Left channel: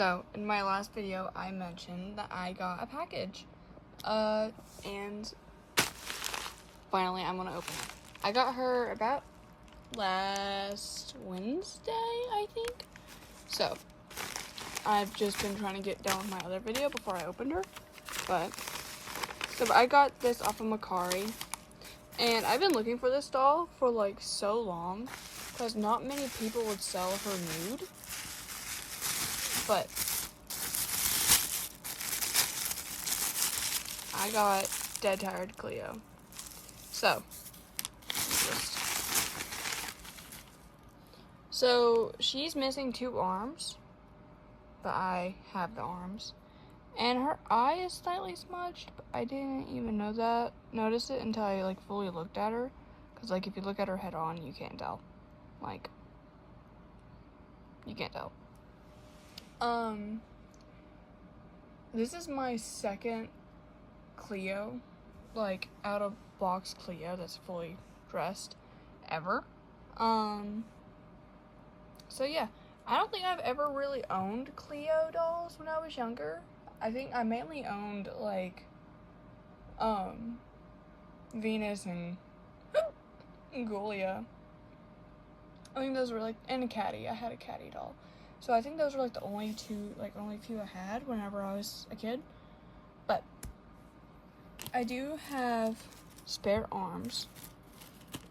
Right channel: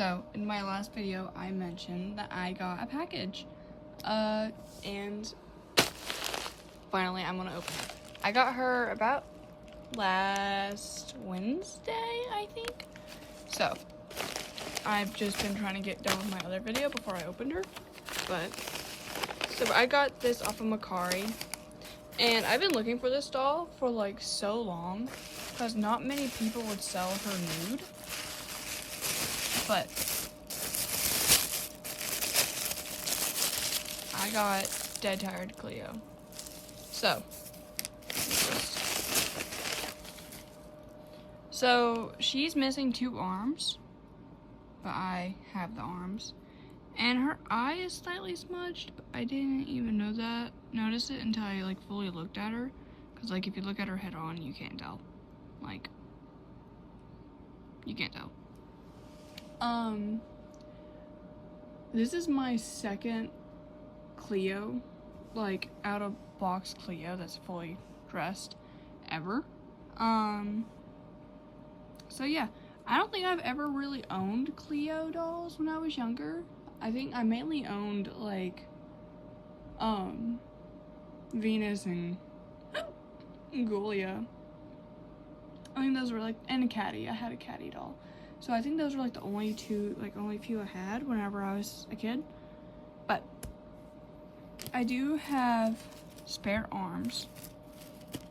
So, in my last video, I mentioned that I got a package. And finally, I'm gonna open it. I got her about last Wednesday, I think. So, I've just been trying to get done with my other video before I opened her. So I got this off of Mercari. And I've been looking for this doll for like so long because not many people would sell her nude. But I got Dead Tired Cleo. So she's missing 2 arms, but I have the arms. And her eye is slightly smudged. I didn't even notice it until I like fully looked at her. Cause like if you look at her head on, you can't tell. Like, you can't tell. This is my second Cleo, like out of box Cleo that's fully dressed ever. So yeah, I don't think I've ever really owned Cleo dolls when I was younger. I think I mainly owned like Venus and Julia. I think those were like, and a Caddy. I had a Caddy doll. So I think those were like the only few I had whenever I was a kid. But I do have spare arms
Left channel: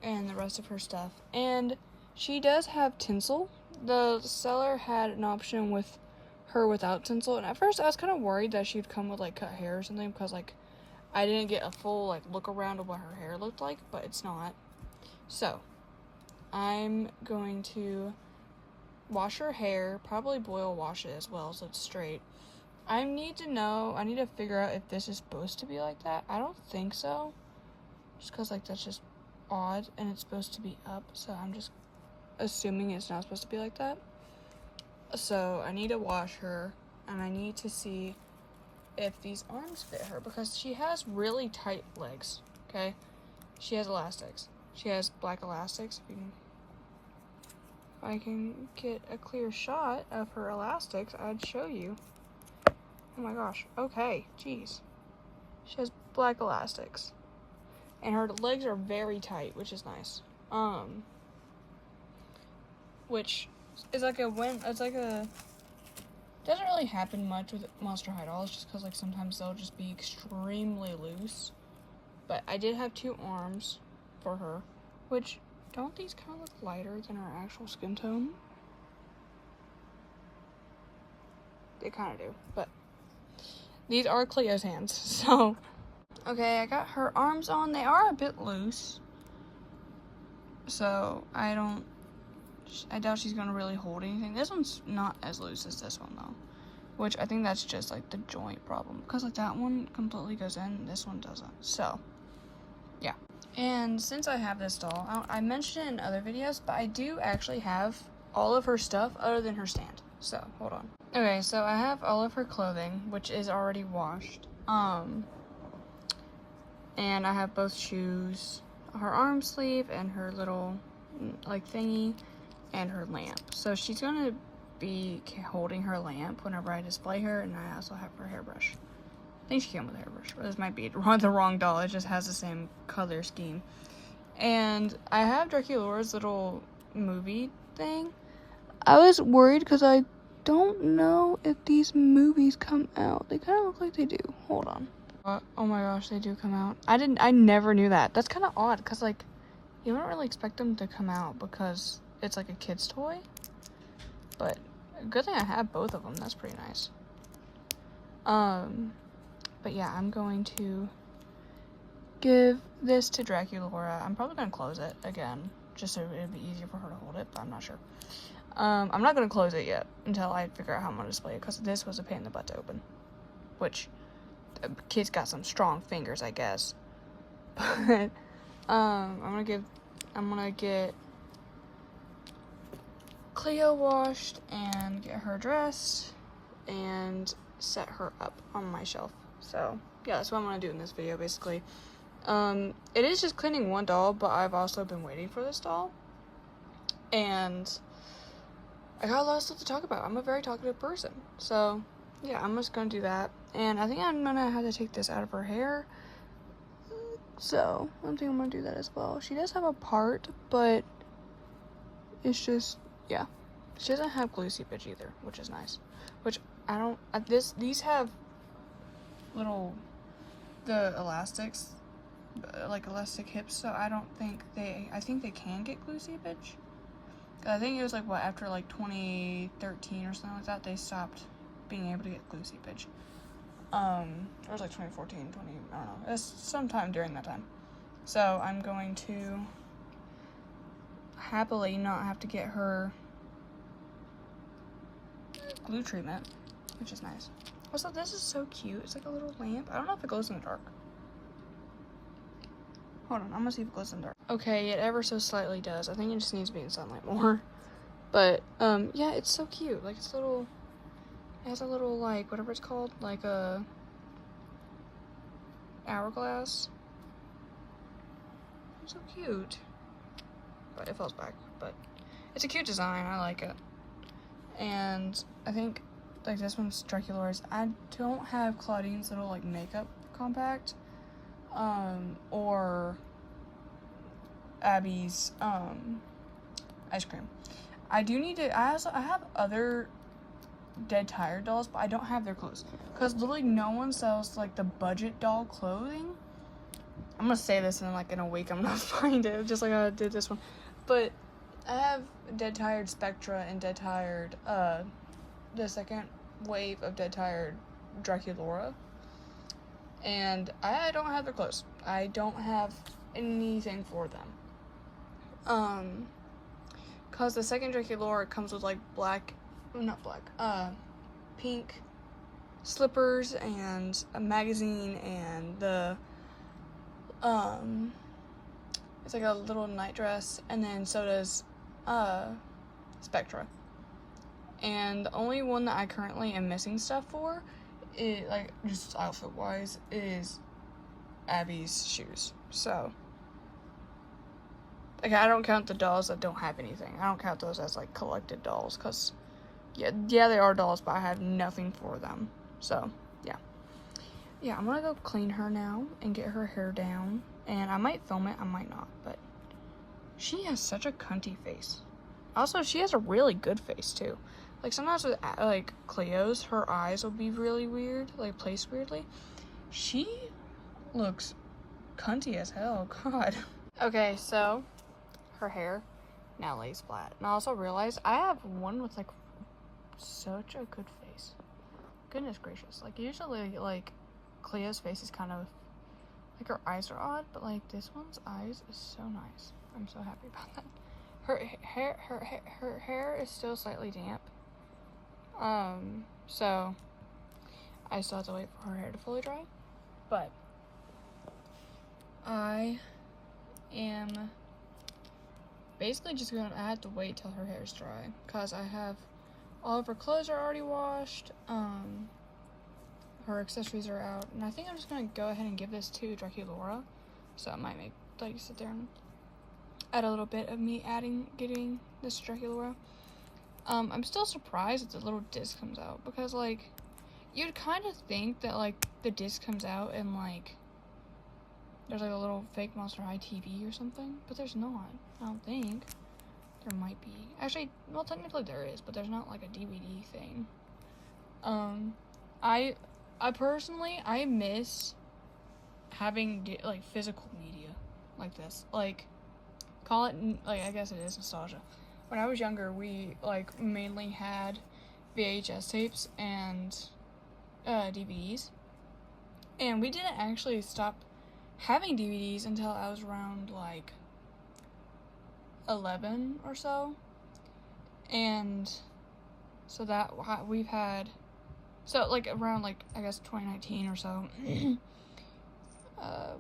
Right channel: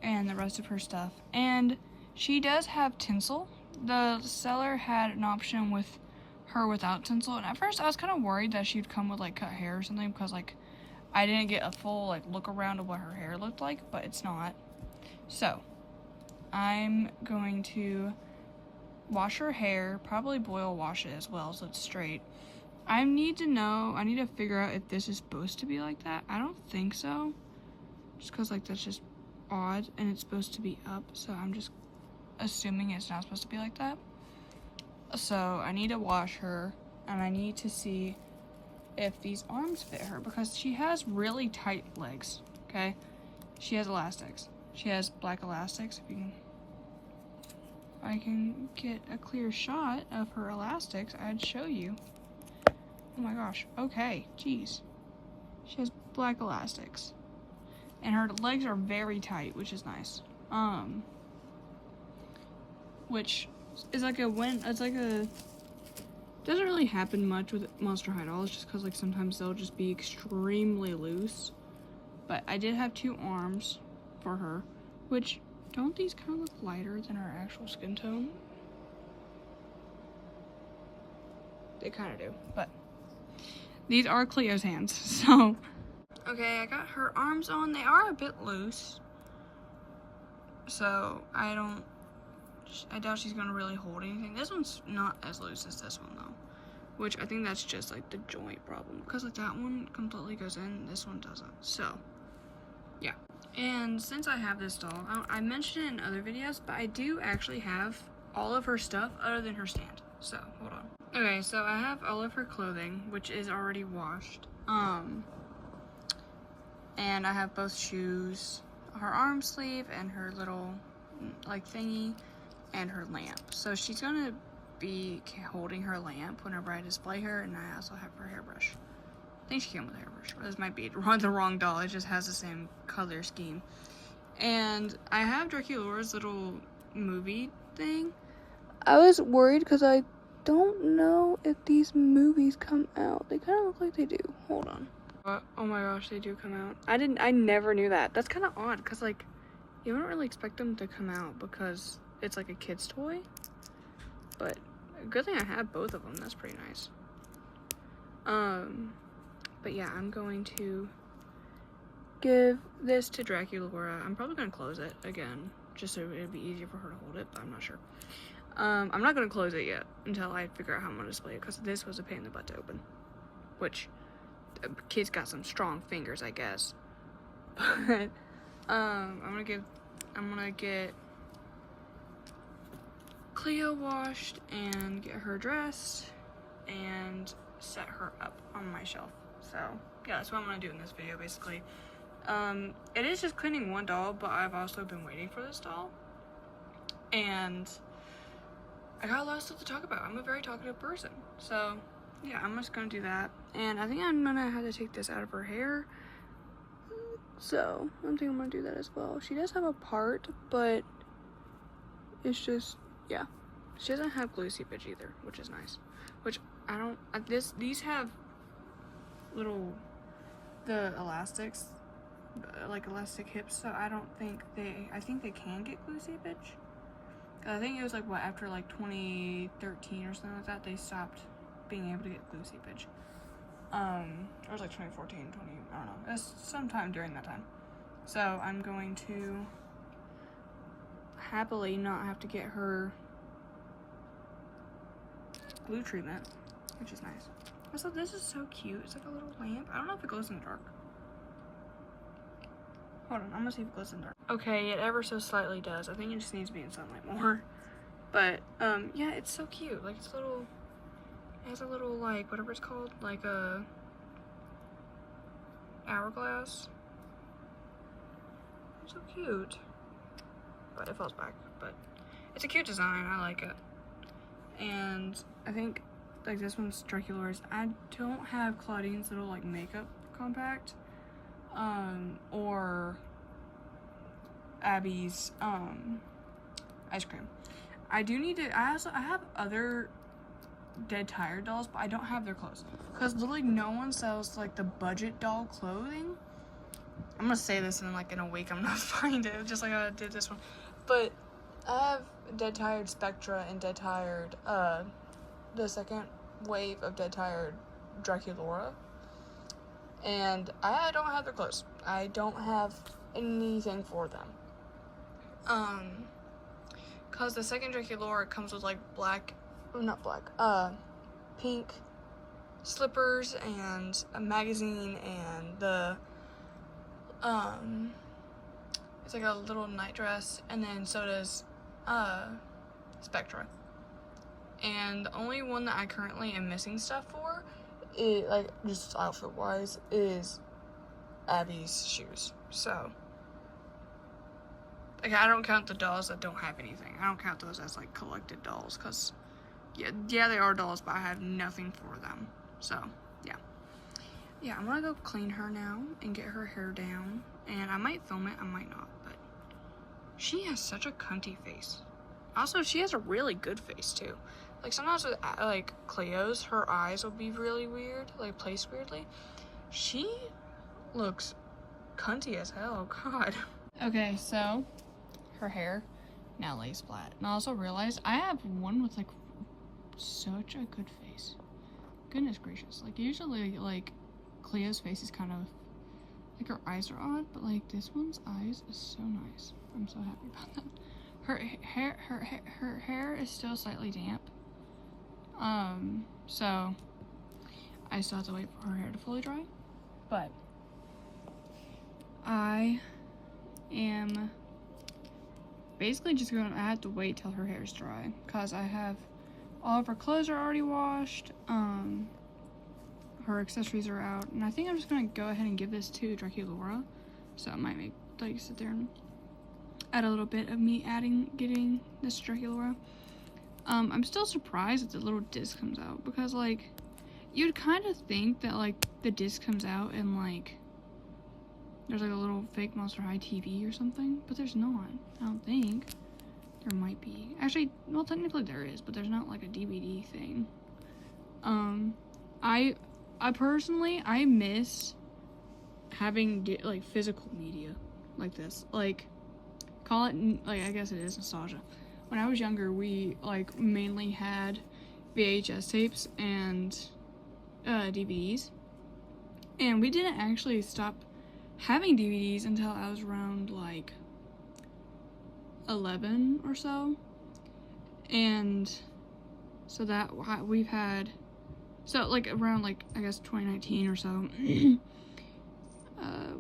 and the rest of her stuff. And she does have tinsel. The seller had an option with her without tinsel, and at first I was kind of worried that she'd come with like cut hair or something because like I didn't get a full like look around of what her hair looked like, but it's not. So I'm going to wash her hair, probably boil wash it as well so it's straight. I need to figure out if this is supposed to be like that. I don't think so, just because like that's just odd and it's supposed to be up, so I'm just assuming it's not supposed to be like that. So I need to wash her, and I need to see if these arms fit her, because she has really tight legs, okay? She has elastics. She has black elastics. If I can get a clear shot of her elastics, I'd show you. Oh my gosh, okay, jeez. She has black elastics. And her legs are very tight, which is nice. Which is like doesn't really happen much with Monster High dolls, just because like sometimes they'll just be extremely loose. But I did have 2 arms for her, which, don't these kind of look lighter than her actual skin tone? They kind of do, but these are Cleo's hands, so. Okay, I got her arms on. They are a bit loose, so I doubt she's gonna really hold anything. This one's not as loose as this one though, which I think that's just like the joint problem, because like that one completely goes in, this one doesn't. So yeah, and since I have this doll, I mentioned it in other videos, but I do actually have all of her stuff other than her stand. So hold on. Okay, so I have all of her clothing, which is already washed, and I have both shoes, her arm sleeve, and her little like thingy, and her lamp. So she's gonna be holding her lamp whenever I display her, and I also have her hairbrush. I think she came with a hairbrush, or this might be the wrong doll. It just has the same color scheme. And I have Draculaura's little movie thing. I was worried because I don't know if these movies come out. They kind of look like they do. Hold on. Oh my gosh, they do come out. I never knew that. That's kind of odd, because like you don't really expect them to come out because it's like a kid's toy. But good thing I have both of them. That's pretty nice. But yeah, I'm going to give this to Draculaura. I'm probably gonna close it again, just so it'd be easier for her to hold it, but I'm not sure. I'm not gonna close it yet until I figure out how I'm gonna display it, because this was a pain in the butt to open. Which, the kid's got some strong fingers, I guess. But, I'm gonna get Cleo washed and get her dressed and set her up on my shelf. So yeah, that's what I'm gonna do in this video basically. It is just cleaning one doll, but I've also been waiting for this doll, and I got a lot of stuff to talk about. I'm a very talkative person. So, yeah, I'm just gonna do that. And I think I'm gonna have to take this out of her hair. So, I think I'm gonna do that as well. She does have a part, but it's just, yeah. She doesn't have glue seepage either, which is nice. Which, I don't, these have little, the elastics, like elastic hips, so I think they can get glue seepage. I think it was like, what, after like 2013 or something like that, they stopped being able to get glue seepage. It was like 2014, I don't know, it was sometime during that time. So I'm going to happily not have to get her glue treatment, which is nice. Also, this is so cute. It's like a little lamp. I don't know if it glows in the dark. Hold on, I'm gonna see if it glows in the dark. Okay, it ever so slightly does. I think it just needs to be in sunlight more. But, yeah, it's so cute. Like, it's little, it has a little, like, whatever it's called, like a hourglass. It's so cute. But it falls back. But it's a cute design. I like it. And I think, like, this one's Draculaura's. I don't have Claudine's little, like, makeup compact. Or Abby's, ice cream. I do need to, I have other Dead Tired dolls, but I don't have their clothes. Because literally no one sells, like, the budget doll clothing. I'm gonna say this and like in a week I'm gonna find it, just like I did this one. But I have Dead Tired Spectra and Dead Tired, the second wave of Dead Tired Draculaura. And I don't have their clothes. I don't have anything for them. Cause the second Draculaura comes with like pink slippers and a magazine and the, it's like a little night dress, and then so does, Spectra. And the only one that I currently am missing stuff for, it, like, just outfit-wise, is Abby's shoes. So, like, I don't count the dolls that don't have anything. I don't count those as, like, collected dolls, because, yeah, they are dolls, but I have nothing for them. So, yeah. Yeah, I'm gonna go clean her now and get her hair down. And I might film it, I might not, but she has such a cunty face. Also, she has a really good face, too. Like, sometimes with, like, Cleo's, her eyes will be really weird, like, placed weirdly. She looks cunty as hell, God. Okay, so, her hair now lays flat. And I also realized I have one with, like, such a good face. Goodness gracious. Like, usually, like, Cleo's face is kind of, like, her eyes are odd, but, like, this one's eyes is so nice. I'm so happy about that. Her hair is still slightly damp. So I still have to wait for her hair to fully dry, but I am basically just I have to wait till her hair is dry, because I have all of her clothes are already washed, her accessories are out, and I think I'm just gonna go ahead and give this to Draculaura, so I might make, like, sit there and add a little bit of me getting this Draculaura. I'm still surprised that the little disc comes out, because, like, you'd kind of think that, like, the disc comes out and, like, there's, like, a little fake Monster High TV or something, but there's not. I don't think. There might be. Actually, well, technically there is, but there's not, like, a DVD thing. I personally, I miss having, like, physical media like this. Like, call it, like, I guess it is nostalgia. When I was younger, we, like, mainly had VHS tapes and DVDs. And we didn't actually stop having DVDs until I was around, like, 11 or so. And so that we've had, so, like, around, like, I guess 2019 or so.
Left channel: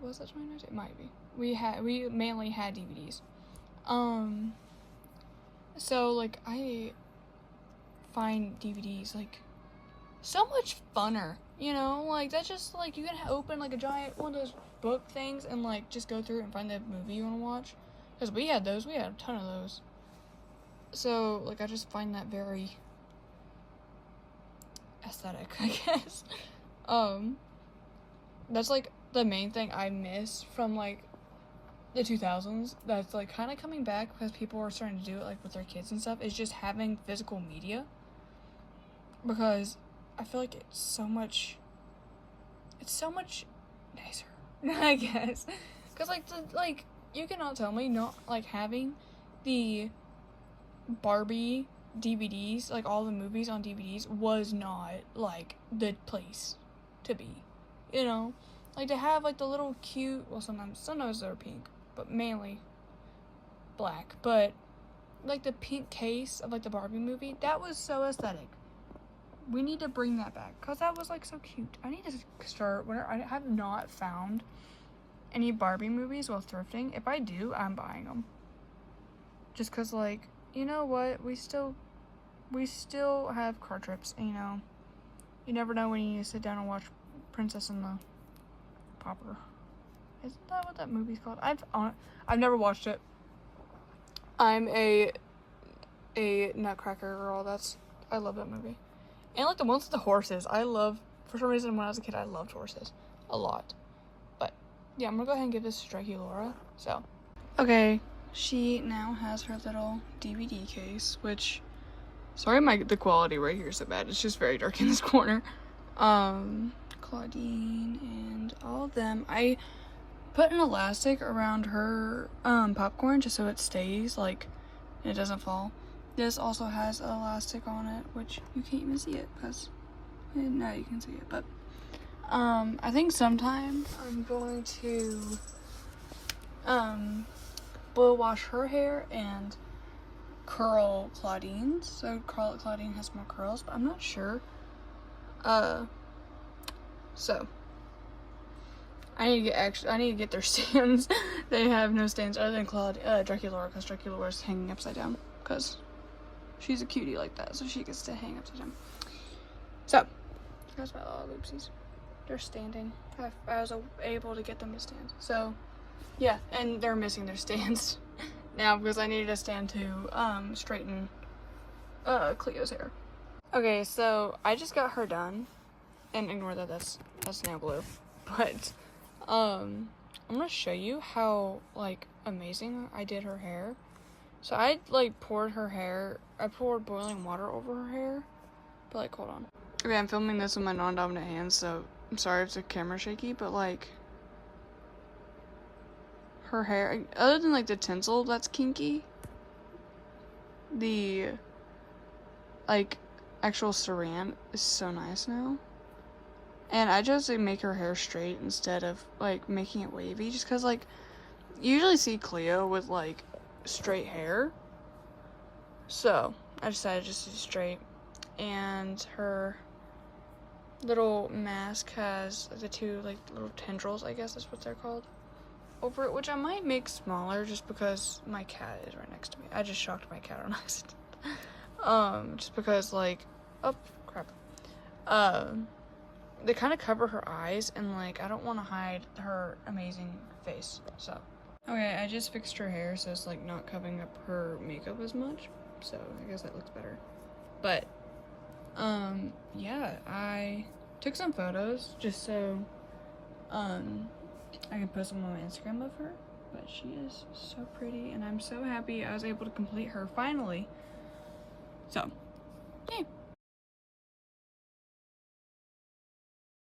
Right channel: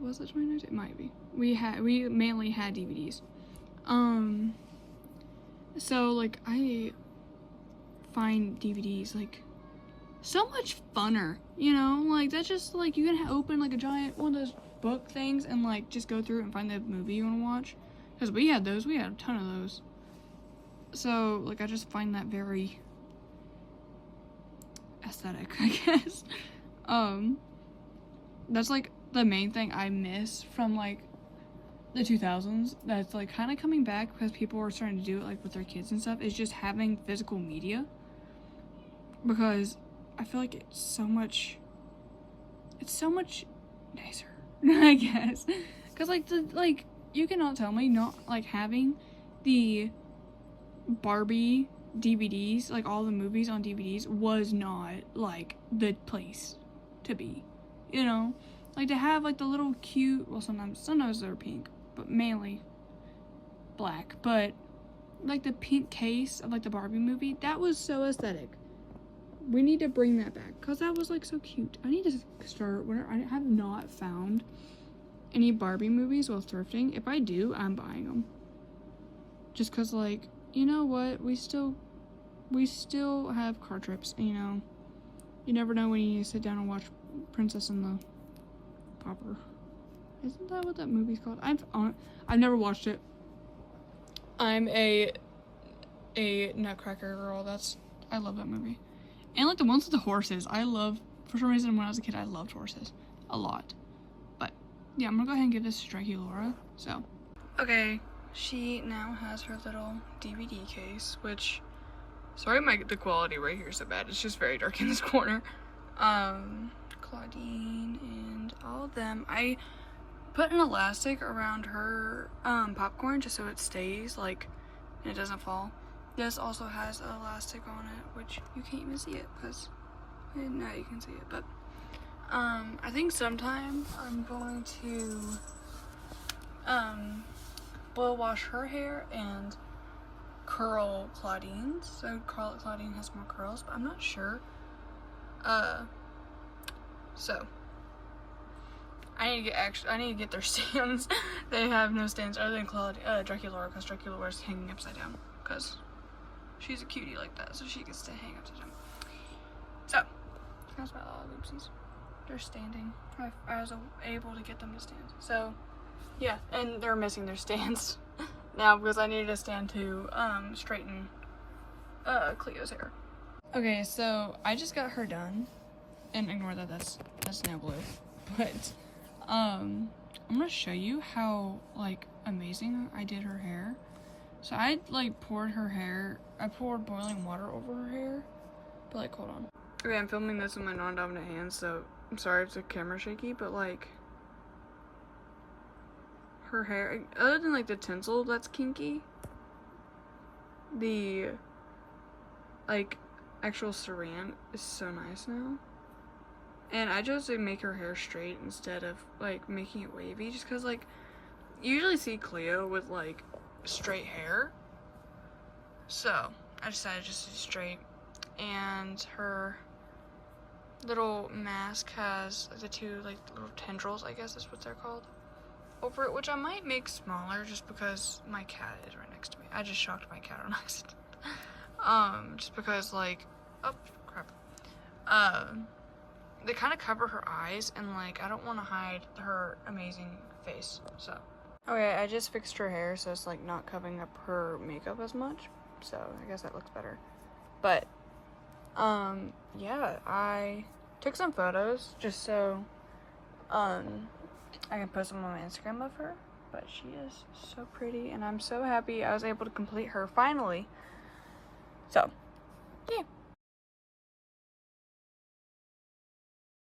Was that 2019? It might be. We mainly had DVDs. So, like, I find DVDs, like, so much funner, you know? Like, that's just, like, you can open, like, a giant one of those book things and, like, just go through it and find the movie you want to watch. Because we had those. We had a ton of those. So, like, I just find that very aesthetic, I guess. That's, like, the main thing I miss from, like, the 2000s that's, like, kind of coming back because people are starting to do it, like, with their kids and stuff, is just having physical media. Because I feel like it's so much nicer, I guess. Because, like, you cannot tell me not, like, having the Barbie DVDs, like, all the movies on DVDs, was not, like, the place to be, you know? Like, to have, like, the little cute, well, sometimes they're pink, but mainly black, but, like, the pink case of, like, the Barbie movie, that was so aesthetic. We need to bring that back, because that was, like, so cute. I need to start, I have not found any Barbie movies while thrifting. If I do, I'm buying them. Just because, like, you know what, we still have car trips, you know. You never know when you need to sit down and watch Princess and the Pauper. Isn't that what that movie's called? I've never watched it. I'm a Nutcracker girl. I love that movie. And, like, the ones with the horses. For some reason, when I was a kid, I loved horses a lot. But yeah, I'm gonna go ahead and give this to Draculaura. So, okay, she now has her little DVD case, which, sorry, the quality right here is so bad. It's just very dark in this corner. Claudine and all of them. I put an elastic around her popcorn just so it stays, like, and it doesn't fall. This also has an elastic on it, which you can't even see it because, now you can see it, but I think sometime I'm going to blow wash her hair and curl Claudine's. So Claudine has more curls, but I'm not sure. So I need to get their stands. They have no stands other than Draculaura, because Draculaura's hanging upside down because she's a cutie like that, so she gets to hang upside down. So here's my little oopsies. They're standing. I was able to get them to stand. So yeah, and they're missing their stands now because I needed a stand to straighten Cleo's hair. Okay, so I just got her done, and ignore that that's nail glue, but I'm gonna show you how, like, amazing I did her hair. So I, like, poured boiling water over her hair, but, like, hold on. Okay, I'm filming this with my non-dominant hands, so I'm sorry if the camera's shaky, but, like, her hair, other than, like, the tinsel that's kinky, the, like, actual saran is so nice now. And I just, like, make her hair straight instead of, like, making it wavy, just because, like, you usually see Cleo with, like, straight hair, so I decided just to do straight. And her little mask has the two, like, little tendrils, I guess that's what they're called, over it, which I might make smaller just because my cat is right next to me. I just shocked my cat on accident. Just because, like, oh crap, they kind of cover her eyes, and, like, I don't want to hide her amazing face. So okay, I just fixed her hair so it's, like, not covering up her makeup as much, so I guess that looks better. But yeah, I took some photos just so I can post them on my Instagram of her, but she is so pretty, and I'm so happy I was able to complete her finally. So yeah.